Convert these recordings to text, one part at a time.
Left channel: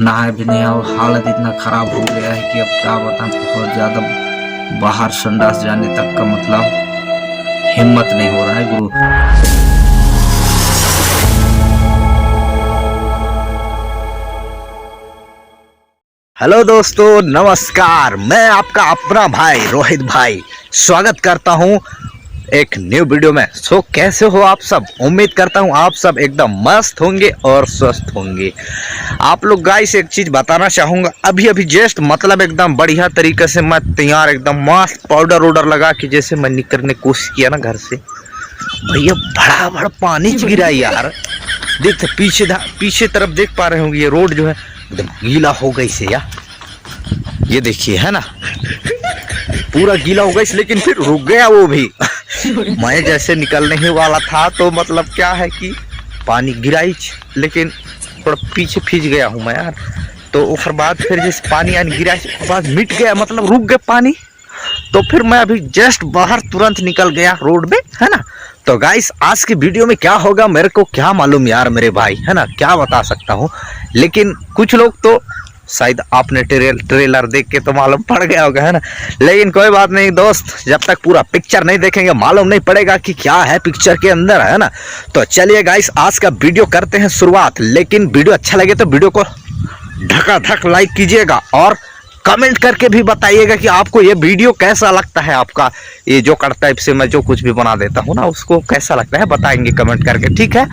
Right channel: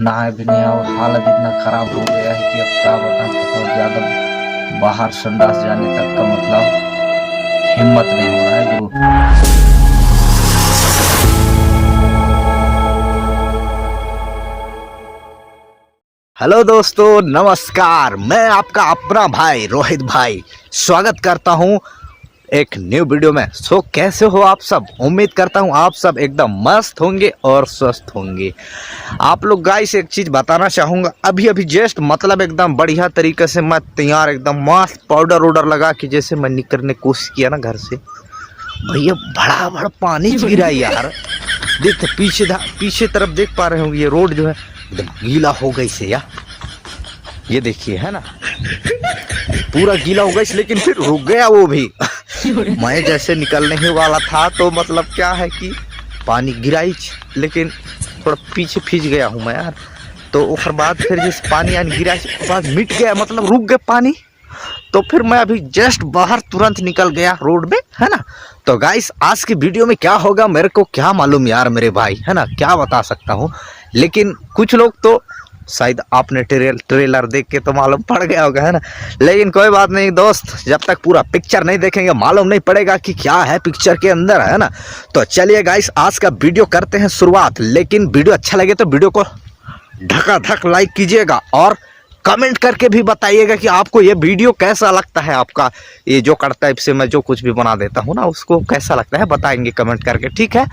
नहाए भी नहीं और हालत इतना खराब हो गया है कि अब क्या बताऊं। बहुत ज़्यादा बाहर संडास जाने तक का मतलब हिम्मत नहीं हो रहा है गुरु। हेलो दोस्तों, नमस्कार। मैं आपका अपना भाई रोहित भाई स्वागत करता हूं एक न्यू वीडियो में। सो कैसे हो आप सब? उम्मीद करता हूं आप सब एकदम मस्त होंगे और स्वस्थ होंगे। आप लोग गाइस एक चीज बताना चाहूंगा, अभी जस्ट मतलब एकदम बढ़िया तरीके से मैं तैयार एकदम मस्त पाउडर वाउडर लगा के जैसे मैं निकलने की कोशिश किया ना घर से, भैया बड़ा बड़ा पानी गिरा यार। देख पीछे तरफ देख पा रहे होंगे, ये रोड जो है गीला हो गई से यार। ये देखिए है ना, पूरा गीला हो गई, लेकिन फिर रुक गया वो भी। मैं जैसे निकलने ही वाला था तो मतलब क्या है कि पानी गिरा ही, लेकिन थोड़ा पीछे फिज गया हूँ मैं यार। तो उसके बाद फिर जैसे पानी गिरा उसके बाद मिट गया, मतलब रुक गया पानी। तो फिर मैं अभी जस्ट बाहर तुरंत निकल गया रोड में, है ना। तो गाइस आज की वीडियो में क्या होगा मेरे को क्या मालूम यार मेरे भाई, है ना, क्या बता सकता हूँ। लेकिन कुछ लोग तो शायद आपने ट्रेलर देख के तो मालूम पड़ गया होगा, है ना। लेकिन कोई बात नहीं दोस्त, जब तक पूरा पिक्चर नहीं देखेंगे मालूम नहीं पड़ेगा कि क्या है पिक्चर के अंदर, है ना। तो चलिए गाइस आज का वीडियो करते हैं शुरुआत। लेकिन वीडियो अच्छा लगे तो वीडियो को धक लाइक कीजिएगा और कमेंट करके भी बताइएगा कि आपको ये वीडियो कैसा लगता है। आपका ये जो करता है से मैं जो कुछ भी बना देता हूँ ना, उसको कैसा लगता है बताएंगे कमेंट करके, ठीक है।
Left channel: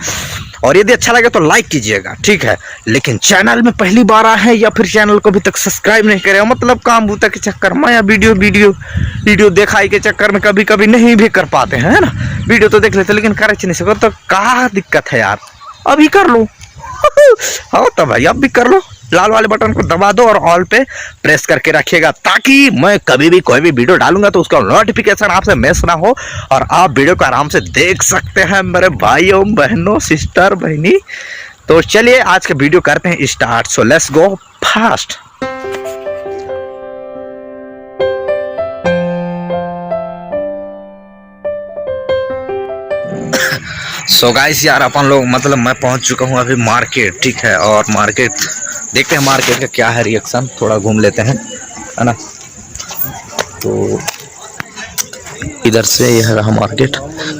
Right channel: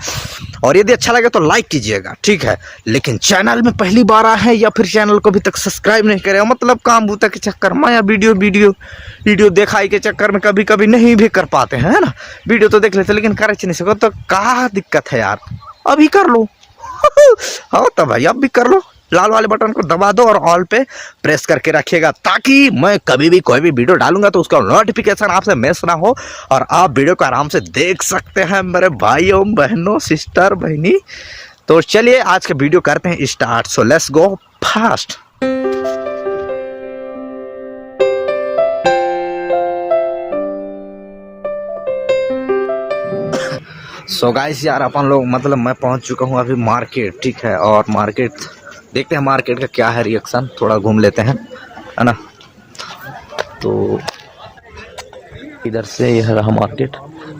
और यदि अच्छा लगे तो लाइक कीजिएगा, ठीक है। लेकिन चैनल में पहली बार आए हैं या फिर चैनल को अभी तक सब्सक्राइब नहीं करे, मतलब काम बूता के चक्कर में या वीडियो दिखाई के चक्कर में कभी कभी नहीं भी कर पाते हैं, है ना। वीडियो तो देख लेते लेकिन कर नहीं सकते, तो क्या दिक्कत है यार, अभी कर लो। हाँ तो भाई अब भी कर लो, लाल वाले बटन को दबा दो और ऑल पे प्रेस करके रखिएगा, ताकि मैं कभी भी कोई भी वीडियो डालूंगा तो उसका नोटिफिकेशन आपसे मिस ना हो और आप वीडियो को आराम से देख सकते हैं मेरे भाइयों बहनों सिस्टर बहनी। तो चलिए आज के वीडियो करते हैं start. So let's go fast. So guys यार अपन लोग मतलब मैं पहुंच चुका हूं अभी मार्केट, ठीक है। और मार्केट देखते हैं मार्केट का क्या है रिएक्शन, थोड़ा घूम लेते हैं, है ना। तो इधर से यह रहा मार्केट,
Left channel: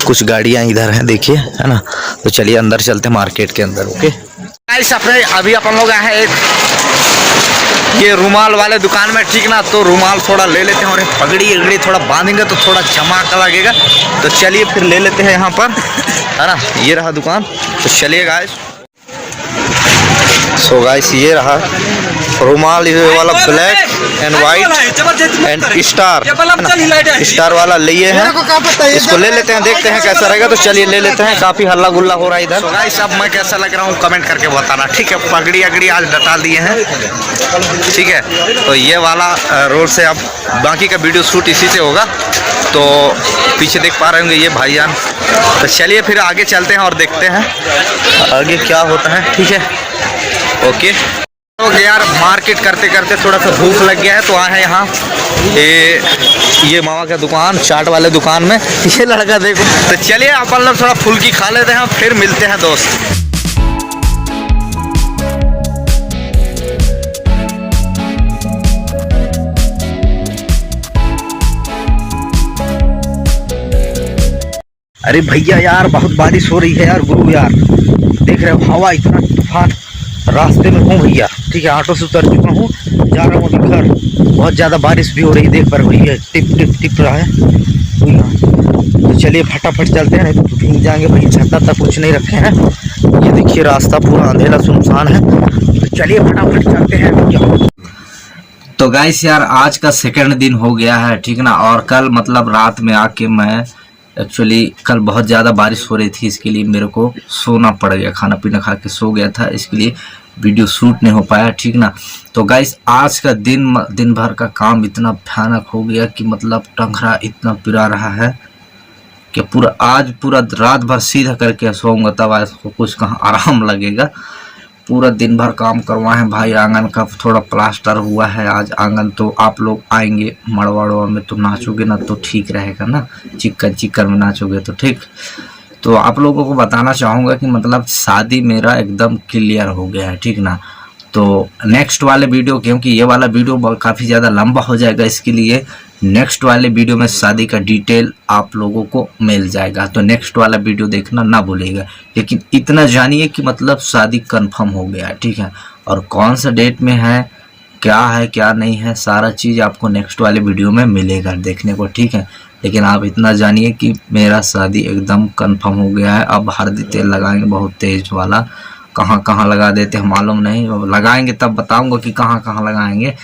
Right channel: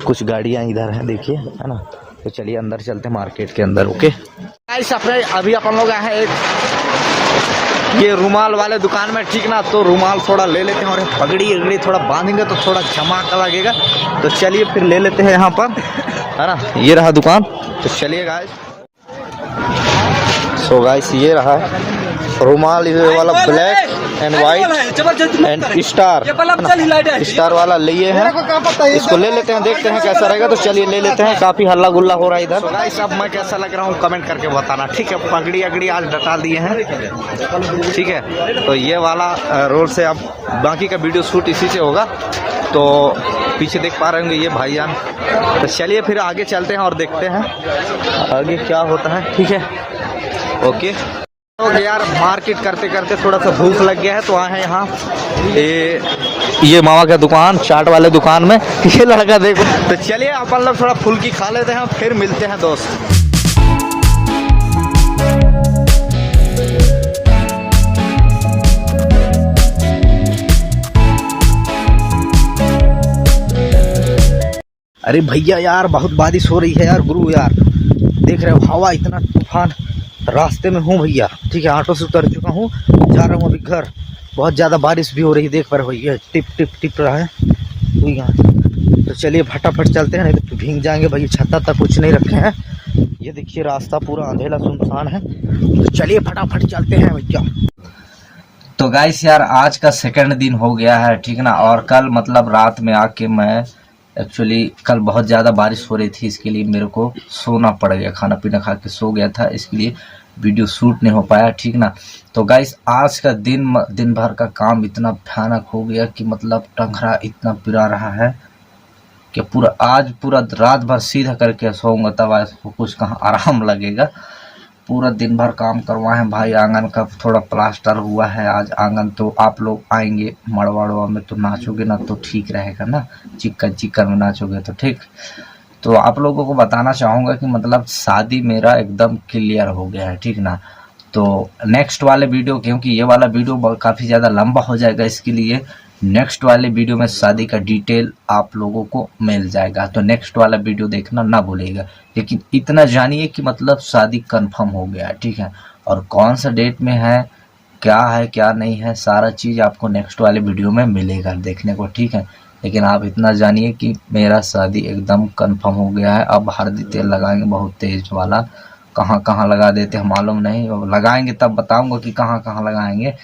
कुछ गाड़ियां इधर हैं देखिए, है ना। तो चलिए अंदर चलते हैं मार्केट के अंदर। ओके गाइस अपने अभी अपन लोग आए हैं एक ये रुमाल वाले दुकान में, ठीक ना। तो रुमाल थोड़ा ले लेते हैं और पगड़ी थोड़ा बांधेंगे तो थोड़ा चमक लगेगा। तो चलिए फिर ले लेते हैं यहाँ पर, है ना। ये रहा दुकान, तो चलिए गाइस। सो गाइस ये रहा रुमाल, ये वाला black and white and star वाला लिए हैं, इसको ले लेते हैं, देखते हैं कैसा रहेगा। तो चलिए ले लेते हैं, काफी हल्ला गुल्ला हो रहा है इधर। गाइस अब मैं कैसा लग रहा हूँ कमेंट करके बताना, ठीक है। पगड़ी अगड़ी आज डटा दिए हैं, ठीक है। तो ये वाला रोड से अब बाकी का वीडियो शूट इसी से होगा। तो पीछे देख पा रहे होंगे ये भाईजान। तो चलिए फिर आगे चलते हैं और देखते हैं आगे क्या होता है, ठीक है। ओके तो यार मार्केट करते करते थोड़ा सा भूख लग गया है, तो आए हैं यहाँ ये मामा का दुकान, चाट वाले दुकान में। ये लड़का देखो। तो चलिए अपन लोग थोड़ा फुल्की खा लेते हैं, फिर मिलते हैं दोस्त। अरे भैया यार बहुत बारिश हो रही है यार गुरु यार, देख रहे हो हवा इतना तूफान। रास्ते में हूँ भैया, ठीक है। ऑटो से उतर चुका हूँ, जा रहा हूँ अभी घर। बहुत ज़्यादा बारिश भी हो रही है, देख पा रहे भैया टिप टिप टिप रहा है भैया। तो चलिए फटाफट चलते हैं, तो भीग जाएंगे भाई। छाता तक कुछ नहीं रखे हैं, ये देखिए रास्ता पूरा अंधेरा सुनसान है। तो चलिए फटाफट चलते हैं भैया। तो गाइस यार आज का सेकंड दिन हो गया है, ठीक ना। और कल मतलब रात में आके मैं एक्चुअली कल बहुत ज़्यादा बारिश हो रही थी, इसके लिए मेरे को सोना पड़ गया, खाना पीना खा के सो गया था, इसके लिए वीडियो शूट नहीं हो पाया, ठीक ना। तो गाइस आज का दिन भर का काम इतना भयानक हो गया कि मतलब टंगरा इतना पिरा रहा है कि पूरा रात भर सीधा करके सोऊंगा तब आज को कुछ कहाँ आराम लगेगा। पूरा दिन भर काम करवाए हैं भाई। आंगन का थोड़ा प्लास्टर हुआ है आज आंगन, तो आप लोग आएंगे मड़वा में तो नाचोगे ना तो ठीक रहेगा ना, चिक्कन में नाचोगे तो ठीक। तो आप लोगों को बताना चाहूँगा कि मतलब शादी मेरा एकदम क्लियर हो गया है, ठीक ना। तो तो नेक्स्ट वाले वीडियो, क्योंकि ये वाला वीडियो काफ़ी ज़्यादा लंबा हो जाएगा, इसके लिए नेक्स्ट वाले वीडियो में शादी का डिटेल आप लोगों को मिल जाएगा। तो नेक्स्ट वाला वीडियो देखना ना भूलिएगा। लेकिन इतना जानिए कि मतलब शादी कंफर्म हो गया, ठीक है, और कौन सा डेट में है क्या नहीं है, सारा चीज़ आपको नेक्स्ट वाले वीडियो में मिलेगा देखने को, ठीक है। लेकिन आप इतना जानिए कि मेरा शादी एकदम कंफर्म हो गया है। अब हल्दी तेल लगाएंगे बहुत तेज वाला, कहाँ कहाँ लगा देते हैं मालूम नहीं, लगाएंगे तब बताऊंगा कि कहाँ कहाँ लगाएंगे।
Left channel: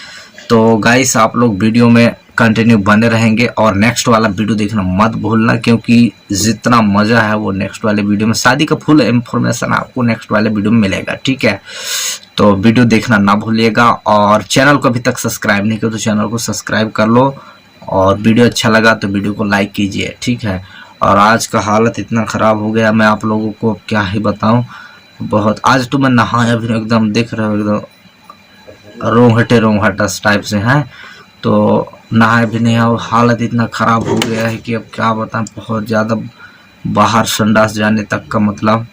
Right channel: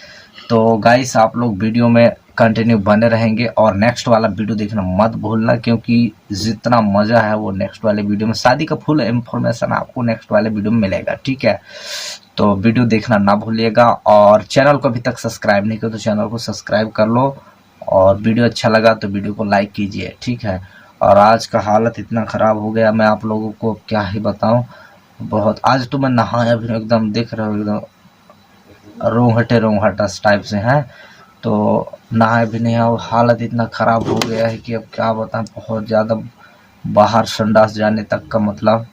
तो गाइस आप लोग वीडियो में कंटिन्यू बने रहेंगे और नेक्स्ट वाला वीडियो देखना मत भूलना, क्योंकि जितना मज़ा है वो नेक्स्ट वाले वीडियो में, शादी का फुल इंफॉर्मेशन आपको नेक्स्ट वाले वीडियो में मिलेगा, ठीक है। तो वीडियो देखना ना भूलिएगा और चैनल को अभी तक सब्सक्राइब नहीं किया तो चैनल को सब्सक्राइब कर लो, और वीडियो अच्छा लगा तो वीडियो को लाइक कीजिए, ठीक है। और आज का हालत इतना ख़राब हो गया, मैं आप लोगों को क्या ही बताऊं, बहुत। आज तो मैं नहाया भी एकदम, दिख रहा हूँ एकदम रोंगटस टाइप से हैं, तो नहाए भी नहीं, और हालत इतना ख़राब हो गया है कि अब क्या बताएं, बहुत ज़्यादा बाहर संडास जाने तक का मतलब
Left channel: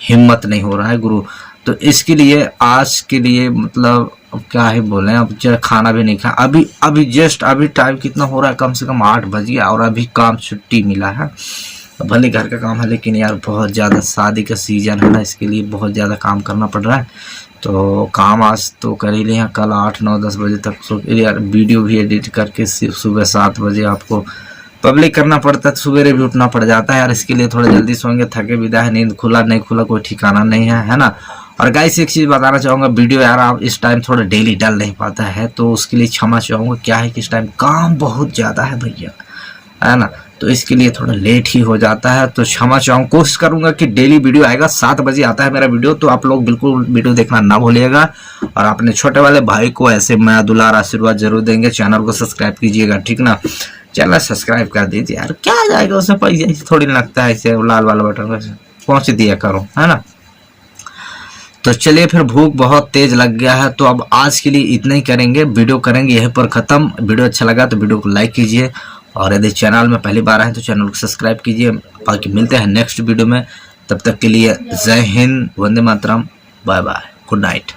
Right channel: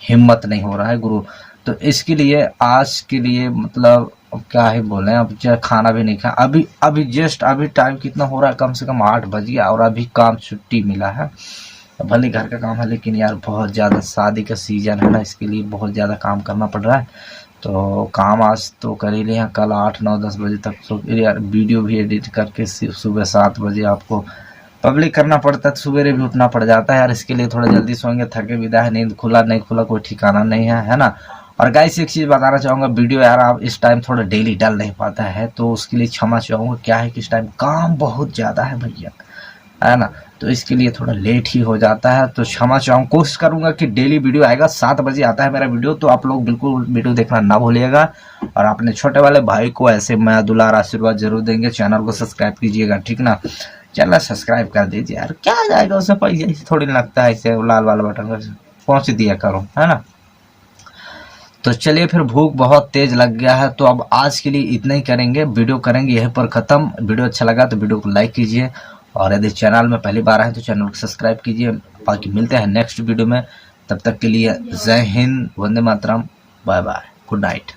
हिम्मत नहीं हो रहा है गुरु। तो इसके लिए आज के लिए मतलब अब क्या ही बोलें, अब खाना भी नहीं खाया, अभी जस्ट अभी टाइम कितना हो रहा है, कम से कम 8 बज गया और अभी काम छुट्टी मिला है। भले घर का काम है लेकिन यार बहुत ज़्यादा शादी का सीज़न है ना, इसके लिए बहुत ज़्यादा काम करना पड़ रहा है। तो काम आज तो कर ही लिया, कल 8, 9, 10 बजे तक तो यार वीडियो भी एडिट करके सुबह 7 बजे आपको पब्लिक करना पड़ता है, सवेरे भी उठना पड़ जाता है यार। इसके लिए थोड़ा जल्दी सोएंगे, थके विदा है, नींद खुला नहीं खुला कोई ठिकाना नहीं है ना। और गाइस एक चीज़ बताना चाहूँगा, वीडियो यार आप इस टाइम थोड़ा डेली डाल नहीं पाता है तो उसके लिए क्षमा चाहूँगा। क्या है कि इस टाइम काम बहुत ज़्यादा है भैया, है ना, तो इसके लिए थोड़ा लेट ही हो जाता है, तो क्षमा चाहूँ। कोशिश करूँगा कि डेली वीडियो आएगा, 7 बजे आता है मेरा वीडियो, तो आप लोग बिल्कुल वीडियो देखना ना भूलिएगा। और अपने छोटे वाले भाई को ऐसे मैं दुलार आशीर्वाद जरूर देंगे। चैनल को सब्सक्राइब कीजिएगा, ठीक ना, चैनल सब्सक्राइब कर दीजिए यार, क्या आ जाएगा उसमें पैसा, थोड़ी लगता है, ऐसे लाल वाला बटन पहुँच दिया करो, है ना। तो चलिए फिर भूख बहुत तेज लग गया है, तो अब आज के लिए इतना ही करेंगे, वीडियो करेंगे यहीं पर ख़त्म। वीडियो अच्छा लगा तो वीडियो को लाइक कीजिए, और यदि चैनल में पहली बार आए तो चैनल को सब्सक्राइब कीजिए। बाकी मिलते हैं नेक्स्ट वीडियो में, तब तक के लिए जय Hind, Vande Mataram, bye bye, good night.